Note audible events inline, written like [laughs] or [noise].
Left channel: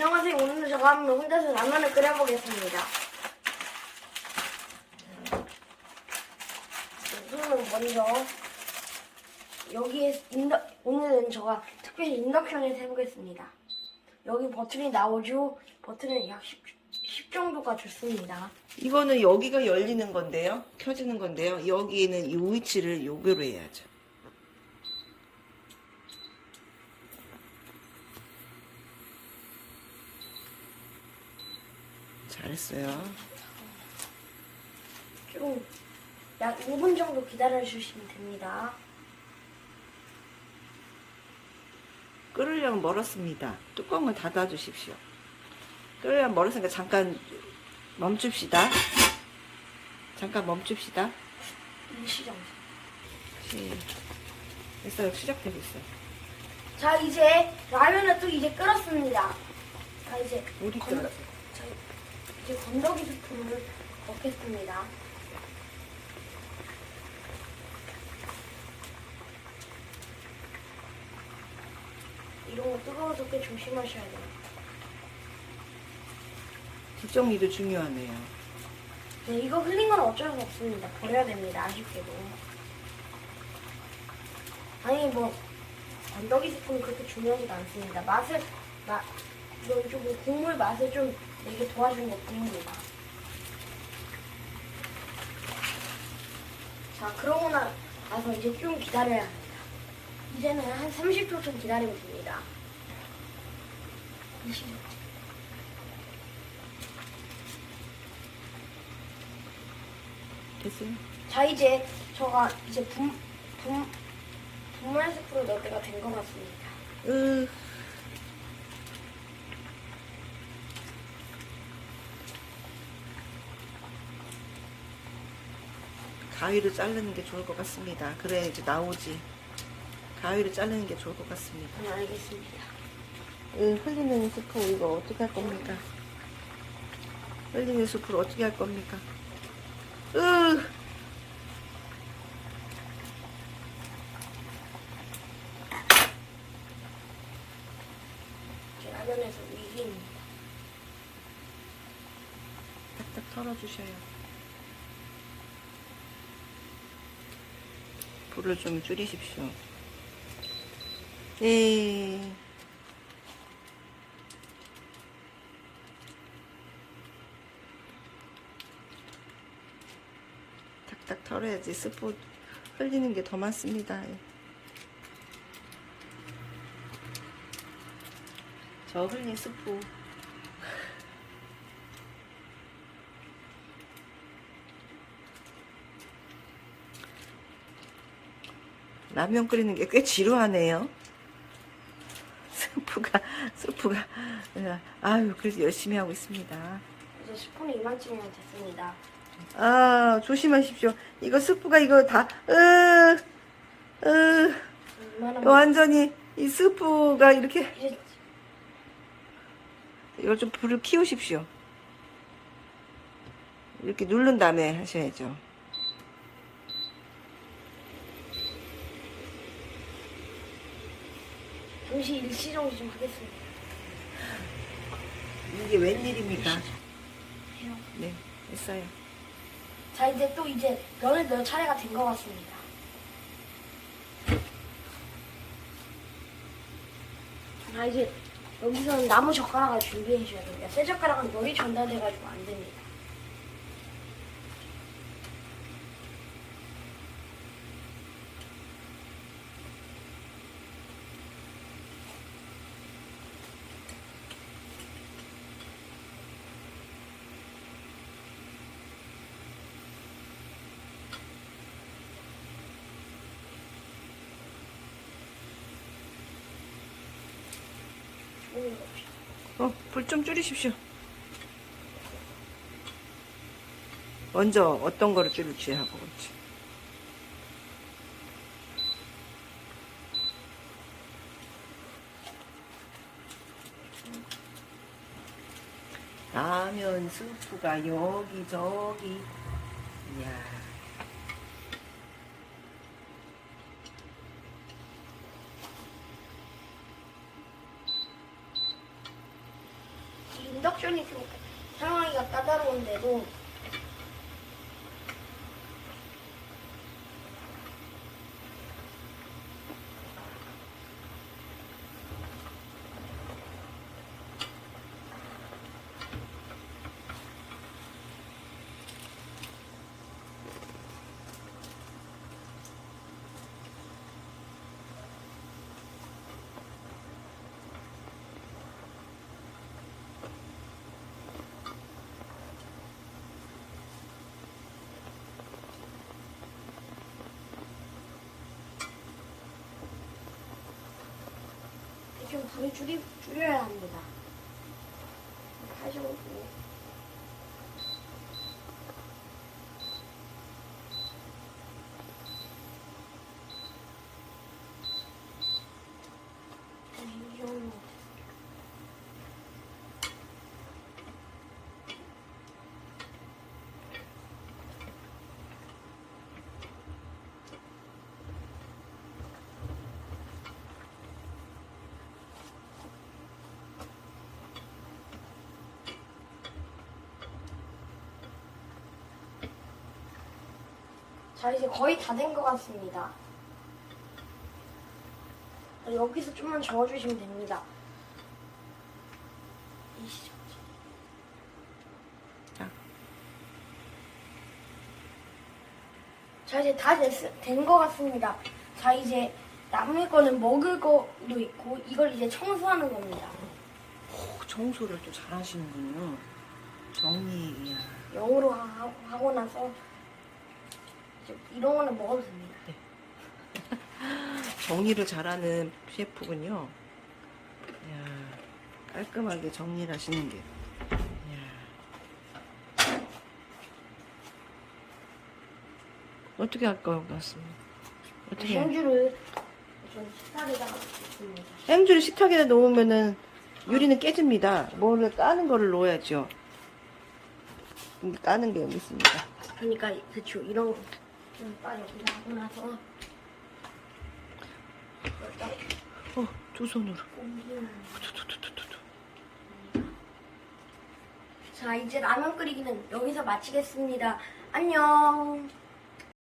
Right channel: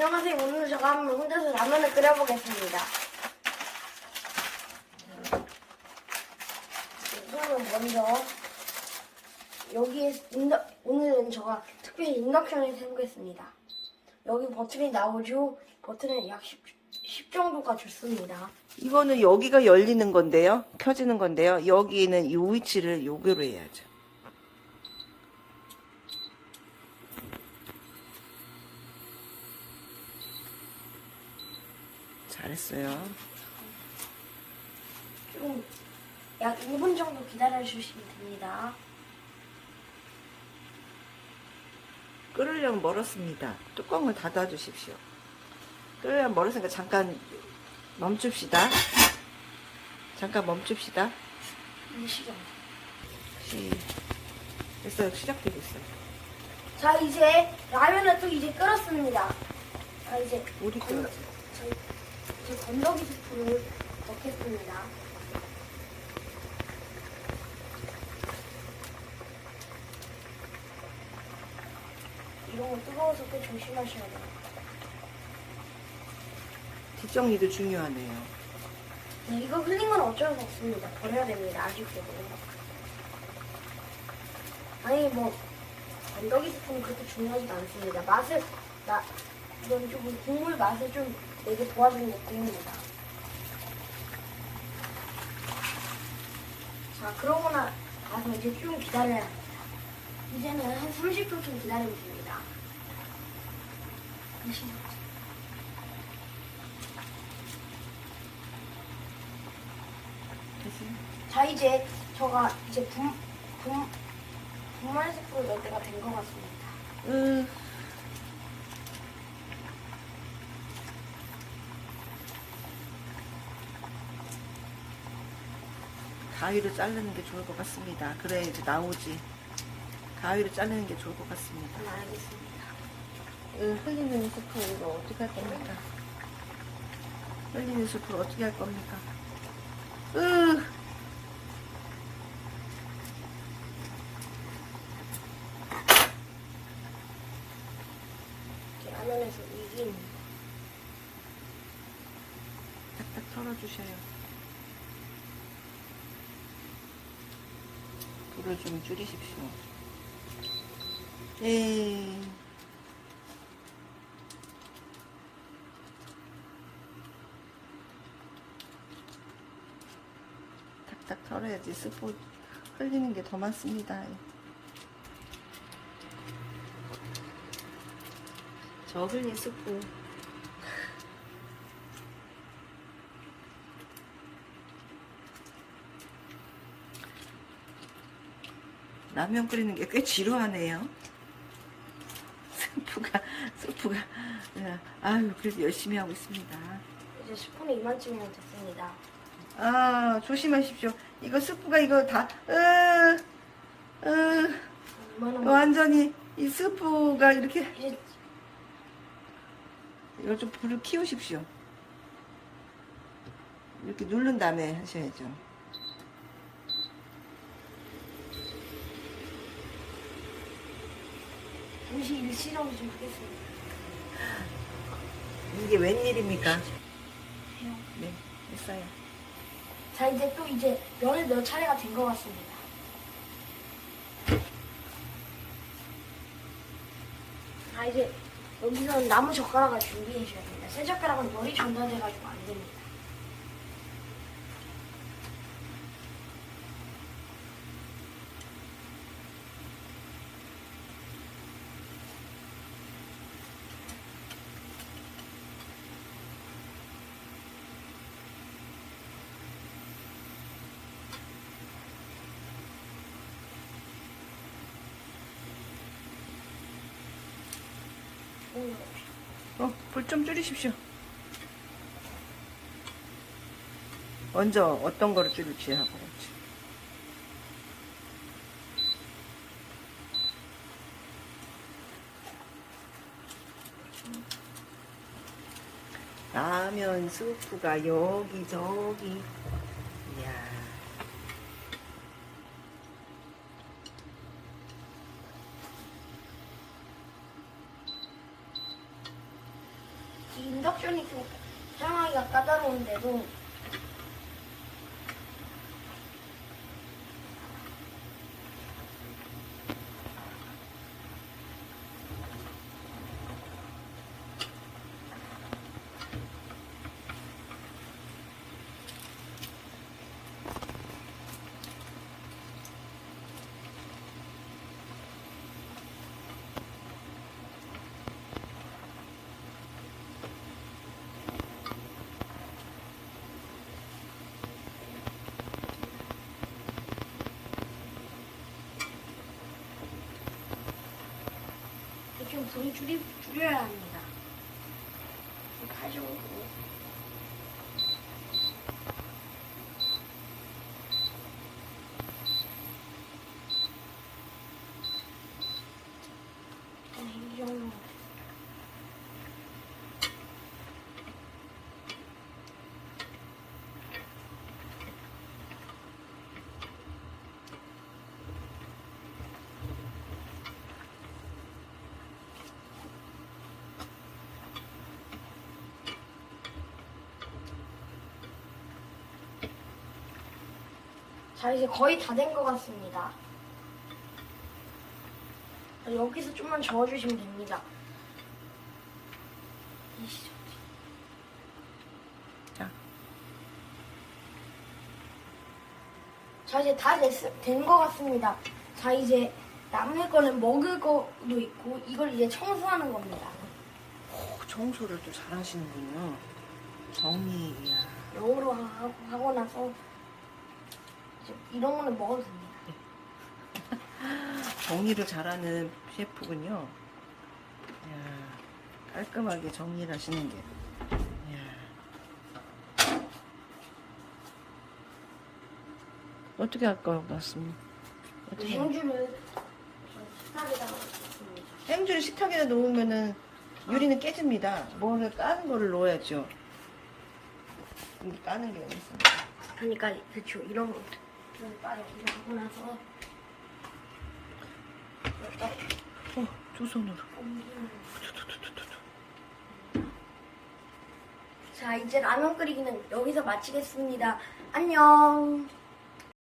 안녕하세요. 오늘 제가 한번 혼자서 라면을 끓여보겠습니다. 우선은 먼저 여기에 인덕, 오늘은 제가 특별히 인덕션에서 해보겠습니다. 여기 버튼이 나오죠? 버튼은 약 10, 10 정도가 좋습니다. 이거는 여기가 열리는 건데요. 켜지는 건데요. 여기는 이 위치를 요거로 해야죠. 잘했어요. 좀 약 5분 정도 기다려 주시면 됩니다. 끓으려면 멀었습니다. 뚜껑을 닫아 주십시오. 끓으려면 멀었으니까 잠깐 멈춥시다. 잠깐 멈춥시다. 시정. 시, 됐어요. 시작되고 있어요. 자 이제 라면을 또 이제 끓었습니다. 자 이제 물이 건- 끓었죠. 자, 이제 건더기 스프를 넣겠습니다. 이런 거 뜨거워서 꽤 조심하셔야 돼요. 뒷정리도 중요하네요. 네, 이거 흘린 건 어쩔 수 없습니다. 버려야 됩니다. 아쉽게도. 아니 뭐 건더기 스프는 그렇게 중요하지 가 않습니다. 맛을 마, 이건 좀 국물 맛을 좀 내게 도와주는 게 뿐입니다. 자 그러고 나- 나서 이제 좀 기다려야 합니다. 이제는 한 30초 좀 기다리면 됩니다. 됐어요? 자 이제 저가 이제 분, 분, 분말 스프를 넣을 때가 된 것 같습니다. 으, 가위로 자르는 게 좋을 것 같습니다. 그래 이제 나오지. 가위로 자르는 게 좋을 것 같습니다. 네 알겠습니다. 으, 흘리는 스프 이거 어떻게 할 겁니까? 흘리는 스프를 어떻게 할 겁니까? 으, 라면에서 위긴 딱딱 털어주셔요. 불을 좀 줄이십시오. 네. 탁탁 털어야지 스프 흘리는 게 더 많습니다. 저 흘린 스프 라면 끓이는 게 꽤 지루하네요. 스프가, 스프가, 예, 아유, 그래도 열심히 하고 있습니다. 이제 스푼이 이만큼이면 됐습니다. 아, 조심하십시오. 이거 스프가 이거 다, 으, 으, 완전히 이 스프가 이렇게, 이거 좀 불을 키우십시오. 이렇게 누른 다음에 하셔야죠. 잠시 일시정지 좀 하겠습니다. 이게 웬일입니까? 네, 했어요. 자 이제 또 이제 면을 몇 차례가 된 것 같습니다. 자 이제 여기서는 나무 젓가락을 준비해 주셔야 됩니다. 새 젓가락은 물이 전달돼가지고 안 됩니다. 어, 불 좀 줄이십시오. 먼저 어떤 거를 줄일지 하고 그렇지. 라면 스프가 여기저기. 이야. 인덕션이 좀 사용하기가 까다로운데도 좀 불을 줄이, 줄여야 합니다. 가지고 이 정도. 자, 이제 거의 다 된 것 같습니다. 자, 여기서 좀만 저어주시면 됩니다. 자, 자, 이제 다 된 것 같습니다. 자, 이제 남은 거는 먹을 거도 있고, 이걸 이제 청소하는 겁니다. 오, 청소를 또 잘하시는군요. 정리, 이야. 영으로 하고, 하고 나서, 이런 거는 먹어도 됩니다. [laughs] 정리를 잘하는 셰프군요. 이야, 깔끔하게 정리를 하시는 게. 이야. 어떻게 할것 같습니다. 어떻게? 현주를 식탁에다가 넣습니다. 햄줄을 식탁에 놓으면은 유리는 깨집니다. 뭐를 까는 거를 넣어야죠. 까는 게 있습니다. 그러니까 대충 이런 거 나서 어, 두 손으로. 자, 이제 라면 끓이기는 여기서 마치겠습니다. 안녕.